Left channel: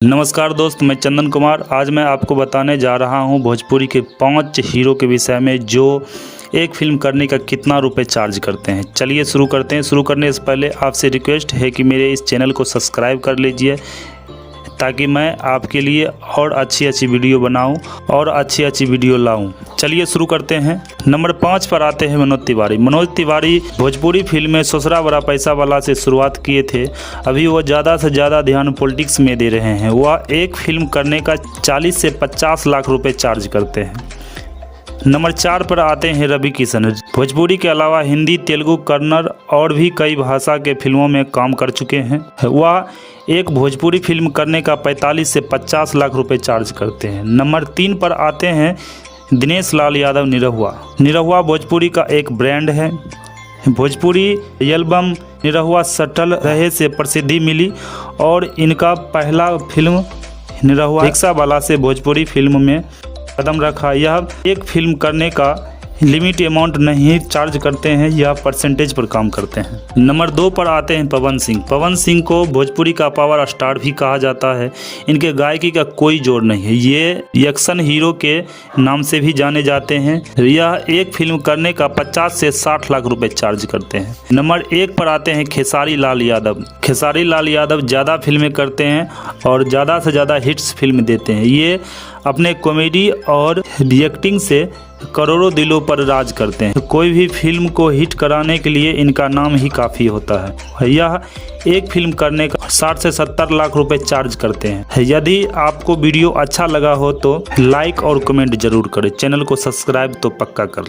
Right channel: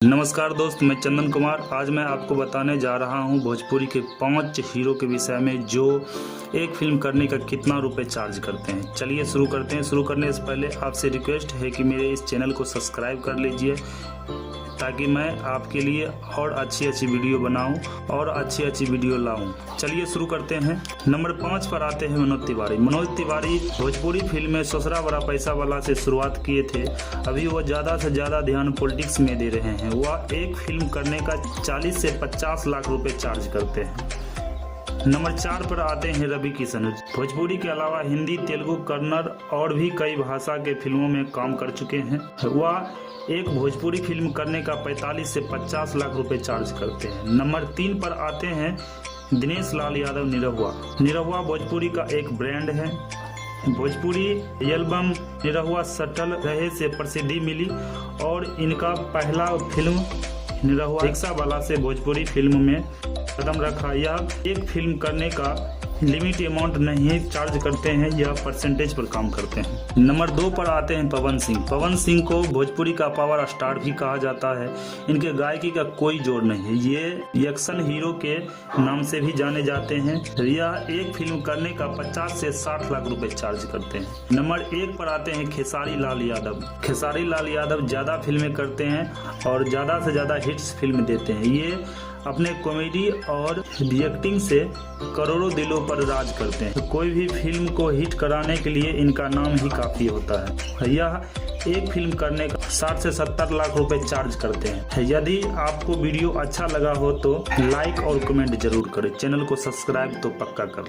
नमस्कार दोस्त, मैं चंदन कुमार। आज मैं आपको बताने जा रहा हूं भोजपुरी के 5 हीरो के विषय में जो एक फिल्म करने का कितना रुपए चार्ज करते हैं। चलिए शुरू करते हैं। शुरू करने से पहले आपसे रिक्वेस्ट है कि मेरे इस चैनल को सब्सक्राइब कर लीजिए ताकि मैं आपके लिए और अच्छी वीडियो बनाऊं और अच्छी वीडियो लाऊं। चलिए शुरू करते हैं। नंबर 5 पर आते हैं मनोज तिवारी। मनोज तिवारी भोजपुरी फिल्म में ससुरा बड़ा पैसा वाला से शुरुआत किए थे। अभी वो ज़्यादा से ज़्यादा ध्यान पॉलिटिक्स में दे रहे हैं। वह एक फिल्म करने का 40 से 50 लाख रुपए चार्ज करते हैं। नंबर 4 पर आते हैं रवि किशन। भोजपुरी के अलावा हिंदी, तेलुगु, कन्नड़ और भी कई भाषा के फिल्मों में काम कर चुके हैं। वह एक भोजपुरी फिल्म करने का 45 से 50 लाख रुपए चार्ज करते हैं। नंबर 3 पर आते हैं दिनेश लाल यादव निरहुआ। निरहुआ भोजपुरी का एक ब्रांड है। भोजपुरी एल्बम निरहुआ सटल रहे से प्रसिद्धि मिली और इनका पहला फिल्म निरहुआ रिक्शा वाला से भोजपुरी फिल्म में कदम रखा। यह एक फिल्म करने का लिमिट अमाउंट नहीं चार्ज करते हैं, यह परसेंटेज पर काम करते हैं। नंबर 2 पर आते हैं पवन सिंह। पवन सिंह को भोजपुरी का पावर स्टार भी कहा जाता है। इनके गायकी का कोई जोड़ नहीं है। ये एक्शन हीरो के नाम से भी जाने जाते हैं। यह एक फिल्म करने का 50 से 60 लाख रुपए चार्ज करते हैं। नंबर 1 पर आते हैं खेसारी लाल यादव। खेसारी लाल यादव ज़्यादा फिल्में करते हैं और ज़्यादा से ज़्यादा हिट्स फिल्म देते हैं। ये अपने कॉमेडी और रिएक्टिंग से करोड़ों दिलों पर राज करते हैं। कोई भी फिल्म को हिट कराने के लिए इनका नाम ही काफ़ी होता है। यह एक फिल्म करने का 60 से 70 लाख रुपए चार्ज करते हैं। यदि आपको वीडियो अच्छा लगा हो तो लाइक और कमेंट जरूर करें। चैनल को सब्सक्राइब तो पक्का कर लें।